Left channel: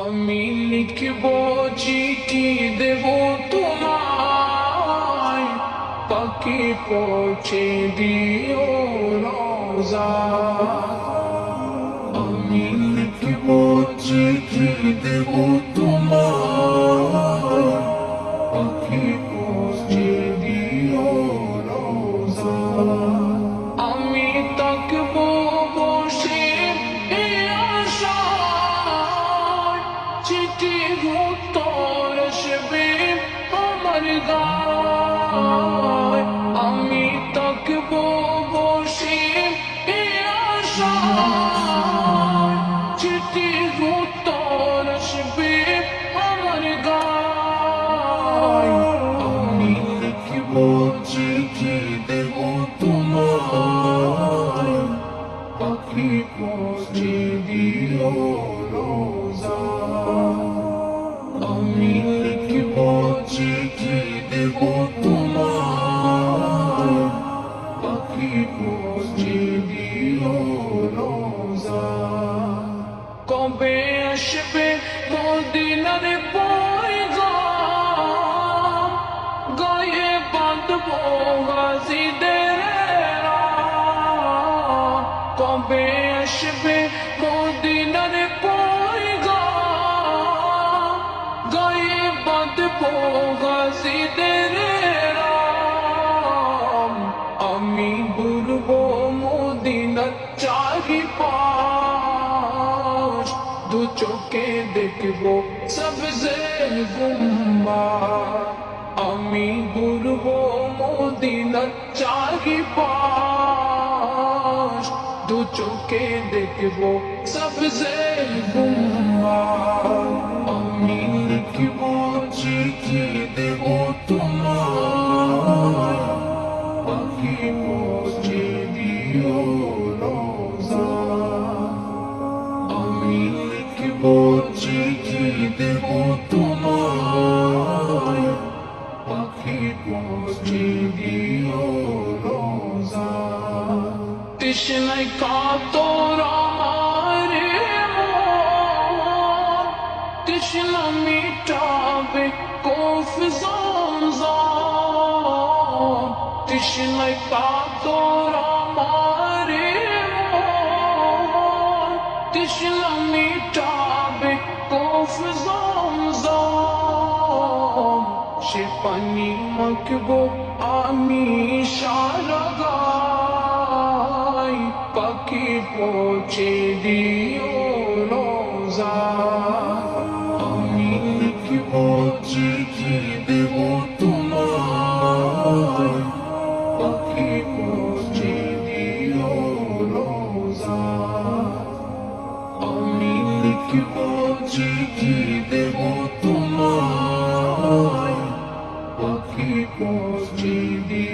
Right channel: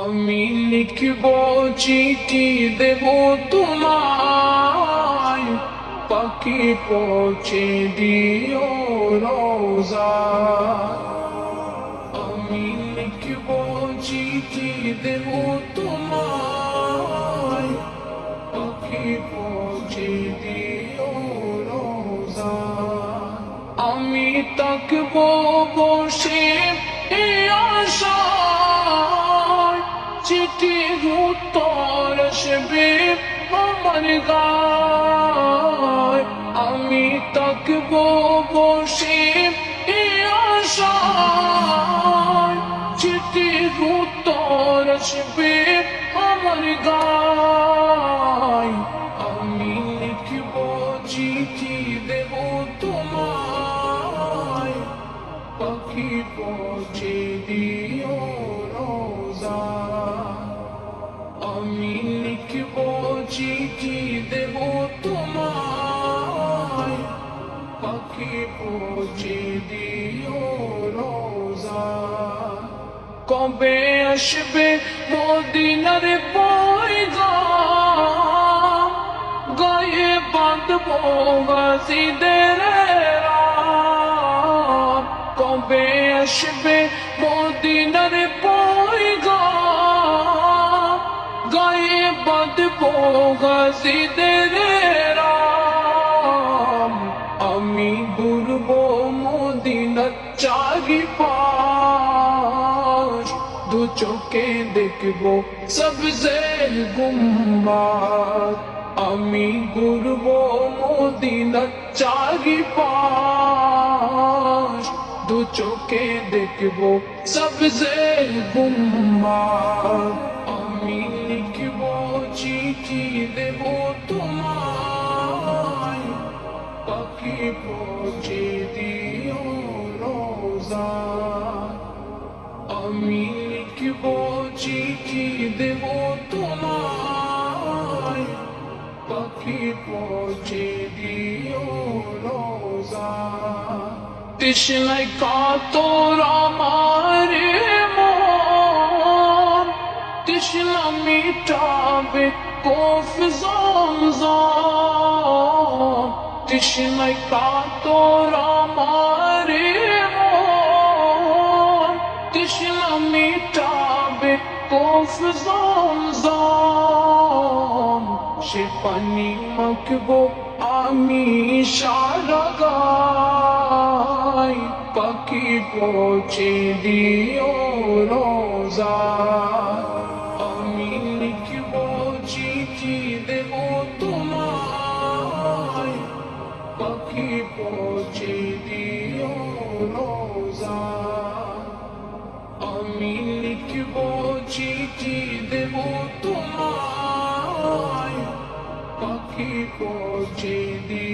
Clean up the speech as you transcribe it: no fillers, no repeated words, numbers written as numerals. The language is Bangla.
আমি লিখব চিঠি দেব তোমায়, পাখি পৌঁছে দিও রোজা। আমি লিখব চিঠি দেব তোমায়, পাখি পৌঁছে দিও রোজা। আমি তাকব বসে এই আশায়, চিঠির উত্তর আসবে আমার গায়। আমি তাকব বসে এই আশায়, চিঠির উত্তর আসবে আমার গায়। আমি লিখব চিঠি দেব তোমায়, পাখি পৌঁছে দিও রোজা। আমি লিখব চিঠি দেব তোমায়, পাখি পৌঁছে দিও রোজা। কবে আসবে মদিনার পয়গাম, গায়ে বাঁধব গাজীদের রাম। কবে আসবে মদিনার পয়গাম, গায়ে বাঁধব গাজীদের রাম। আমি ঘুরব মদিনার চারিপাশ, দু চোখে দেখব সবজে গুম্বাদ। আমি ঘুরব মদিনার চারিপাশ, দু চোখে দেখব সবজে গুম্বাদ। আমি লিখব চিঠি দেব তোমায়, পাখি পৌঁছে দিও রোজা। আমি লিখব চিঠি দেব তোমায়, পাখি পৌঁছে দিও রোজা। তৃষ্ণায় কাতর আমার মন, তৃষ্ণা মিটাবে কোফ জমজম। তৃষ্ণায় কাতর আমার মন, তৃষ্ণা মিটাবে কোফ জমজম। সে পানি মাখব আমি সারা গায়, পাখি পৌঁছে দিও রোজা। আমি লিখব চিঠি দেব তোমায়, পাখি পৌঁছে দিও রোজা। আমি লিখব চিঠি দেব তোমায়, পাখি পৌঁছে দিও।